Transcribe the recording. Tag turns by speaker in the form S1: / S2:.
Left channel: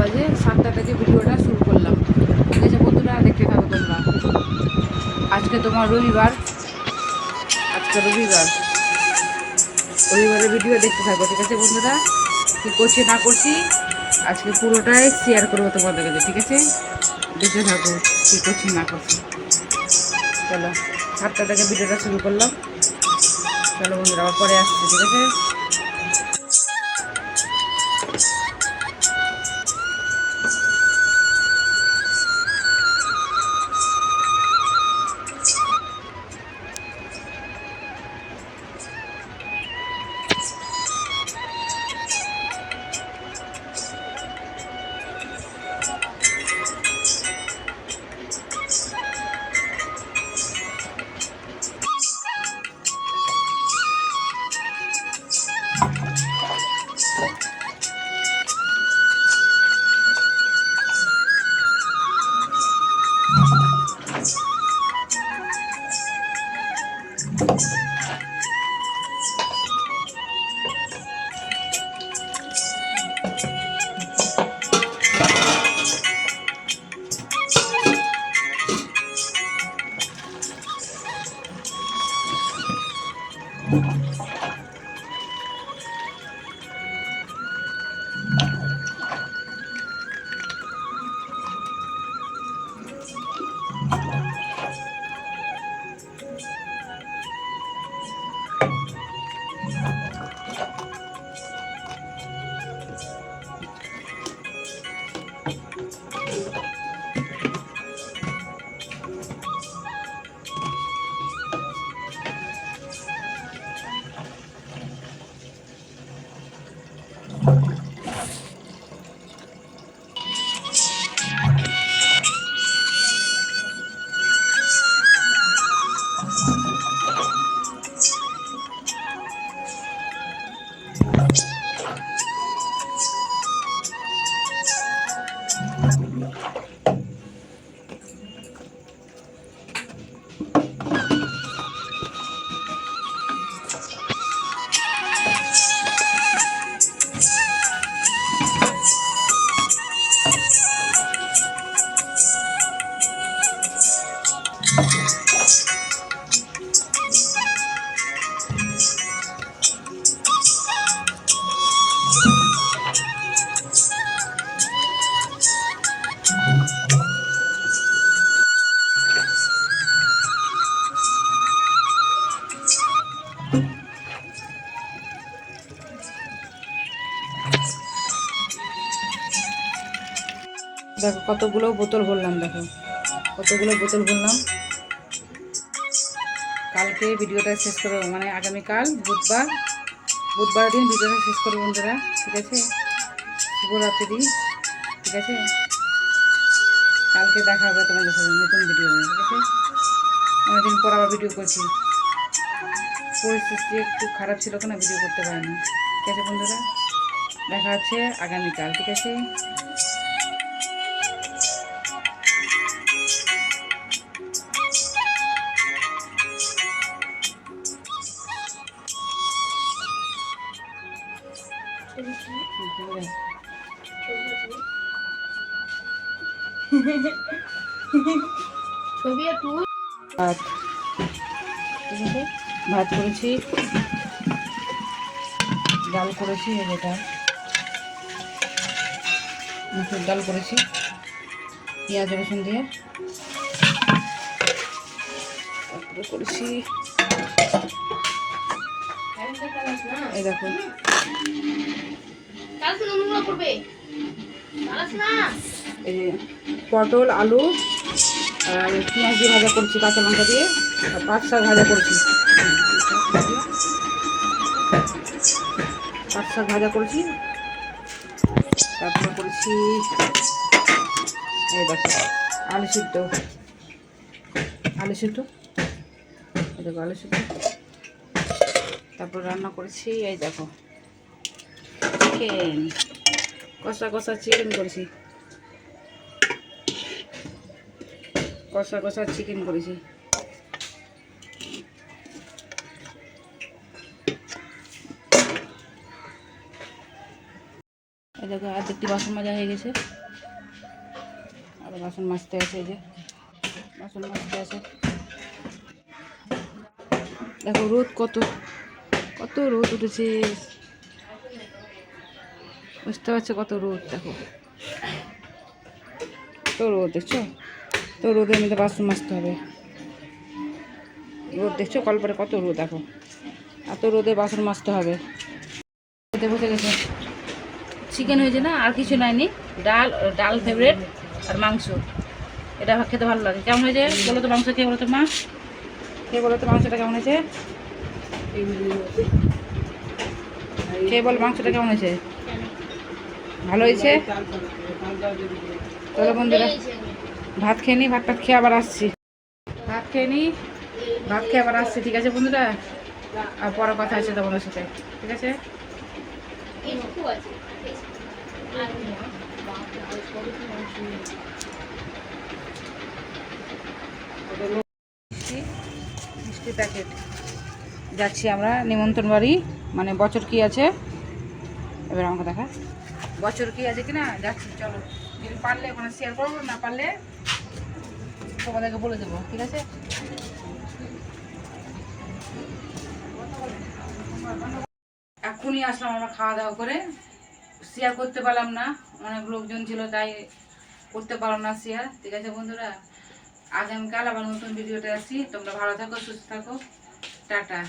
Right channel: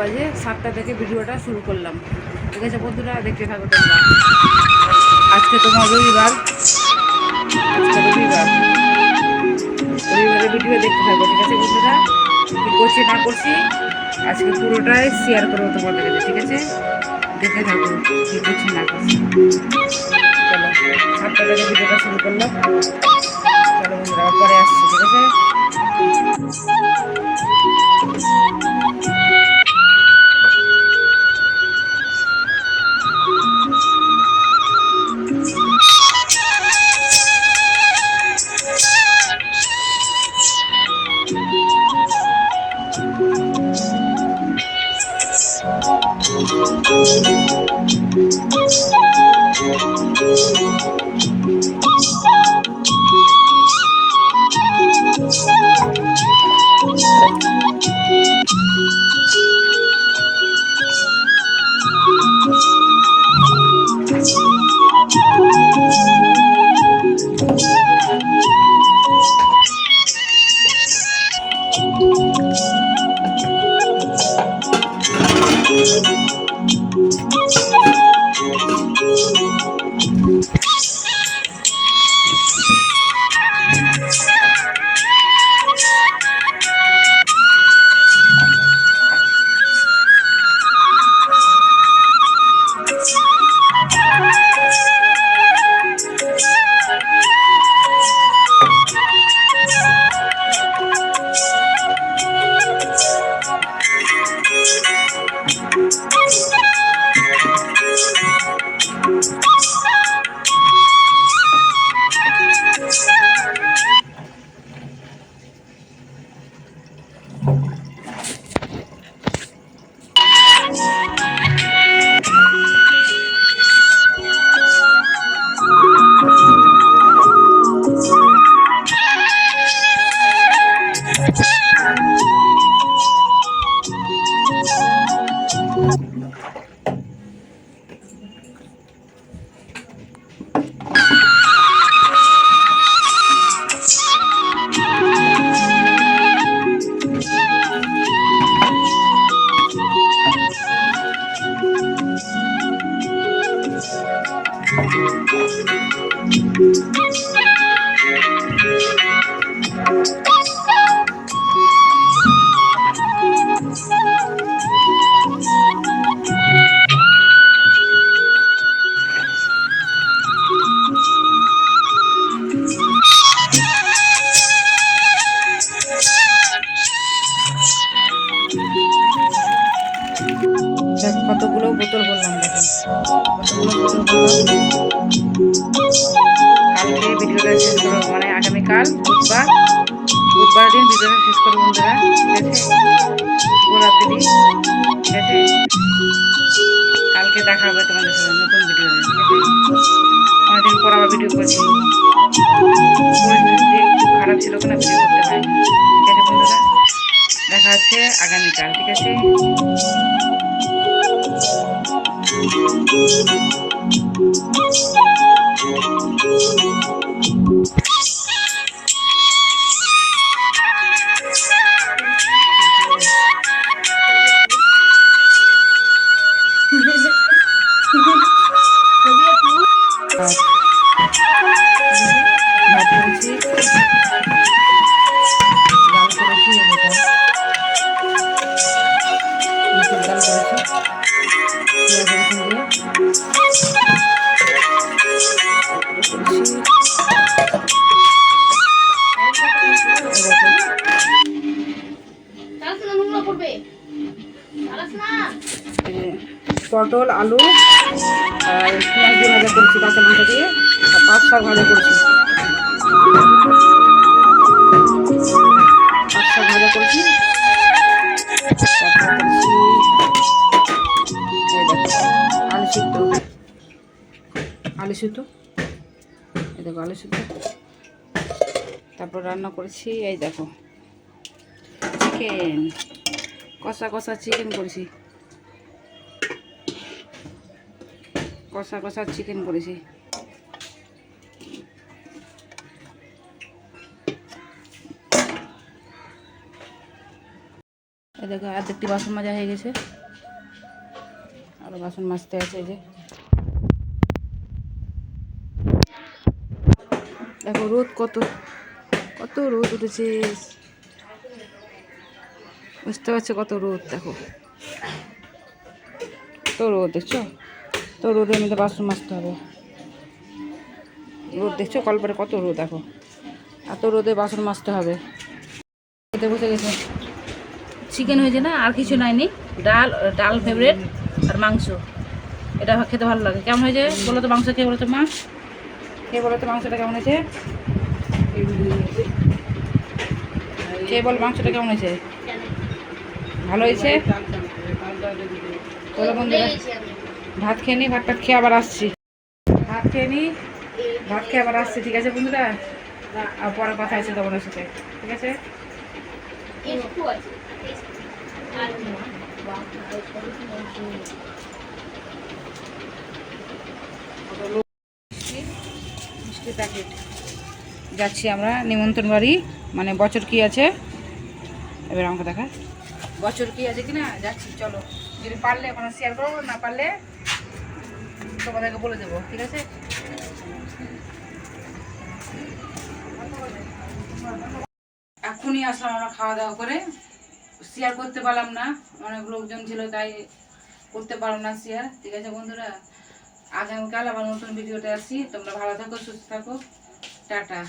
S1: বাজে, সাতটা থেকে ভিডিওটা শুরু করলাম। ঠিক আছে বন্ধুরা, দেখতে থাকো তোমরা। আজকে তোমার রবিবার। আজকে রবিবার। রবিবারের ভিডিও দেখতে থাকো, ঠিক আছে বন্ধুরা? কী করছি, না করছি, আজকে পুরোটাই শেয়ার করব তোমাদের কাছে, ঠিক আছে? দেখে থাকো কী করছি, না করছি। চলো, সাতটা থেকে ভিডিওটা শুরু করলাম। চলো বন্ধুরা, আবার পরে আসছি, ঠিক আছে? Thank you. Thank you. দেখো কতগুলো বোতল বললাম দেখো। কতগুলো বোতল বললাম। কালকে ভিডিওটা শেষ করব মানে আগামীকাল বুধবার। বুধবার দিন ভিডিওটা শেষ করব বন্ধুরা, ঠিক আছে? শুভরাত্রি, ঠিক আছে? কালকে দেখা হবে তোমাদের সাথে নতুন ভিডিও ঠিক আছে? অনেকদিন পর আবার ভিডিও করছি। পরিস্থিতি একটু খারাপ ছিল কেন ভিডিও করতে পারিনি, ঠিক আছে বন্ধুরা? দেখা হচ্ছে আগামীকাল, ঠিক আছে? ভাত ভাত করেছি ডাল করেছি এটা মুসুর ডাল করেছি পটল, আলু, আর পেঁয়াজ দিয়ে ভাজা করছি, কাঁচা লঙ্কা দিয়ে, আর পাঁচ শাক ভাজা করছি। পাঁচ শাক ভাজা করছি, তারপর করছি আলু সিদ্ধ এই দেখো আলু সিদ্ধ তারপর রান্না করেছি, এই দেখো। চিকেন, কষা কষা চিকেন করেছি। কষা কষা চিকেন করেছি। এই দেখো অর্ধেকটি বাসন মাজা হয়ে গেছে। আরও বাসন মাজতে আছে এই যে। দেখো রোদ কত কত রোদ উঠেছে। বুঝতে পারছ কত রোদ, দেখো। তো রোদ, দেখছ? তো রোদের মধ্যে বাসন মাজতে হবে। রোদ, দেখছ? কলপারে কত রোদ, দেখো। এত রোদে বাসন মাজতে হবে। বসে গেছে। চিকেন হয়েছে না? আর কিছু নাইনি। ডাল ডাল ফেভারেট আর মাংস। এটা খেতে ভালো লাগে। কেমন হয়েছে? বলো তো মাংস খেয়ে, বলো তো মা। খেয়ে বলো তো মাংসটা কেমন হয়েছে? খেয়ে বল মাংসটা কেমন হয়েছে? ভালো হয়েছে? চলো বন্ধুরা, ভাত খেয়ে নি, ভাত টাত খেয়ে আবার আসছি। ভাত খেয়ে নি, ভাত খেয়ে আবার আসছি, ঠিক আছে বন্ধুরা? আর পরে কথা আছে তোমাদের সাথে, ঠিক আছে? মিষ্টি প্যাকেট যাচ্ছি আমরা, নিমন্ত্রণ বাড়ি মানে বছর কি আছে? এবার আমাকে দেখা। বছর কি আছে কিনা? যাচ্ছি, চলো। যদি পারলে মানে শেয়ার করব, না পারলে তোমাদেরকে বলে দেবো, ঠিক আছে? এখনই আসলাম আমরা খাওয়া দাওয়া করে। শেয়ার করতে পারলাম না, অনেক লোকজন ছিল, তাই করতে পারলাম না শেয়ার ঠিক আছে বন্ধুরা? আগামীকাল আবার নতুন ভিডিওতে আসি তোমরা ভালো থাকো সুস্থ থাকো। টাটা।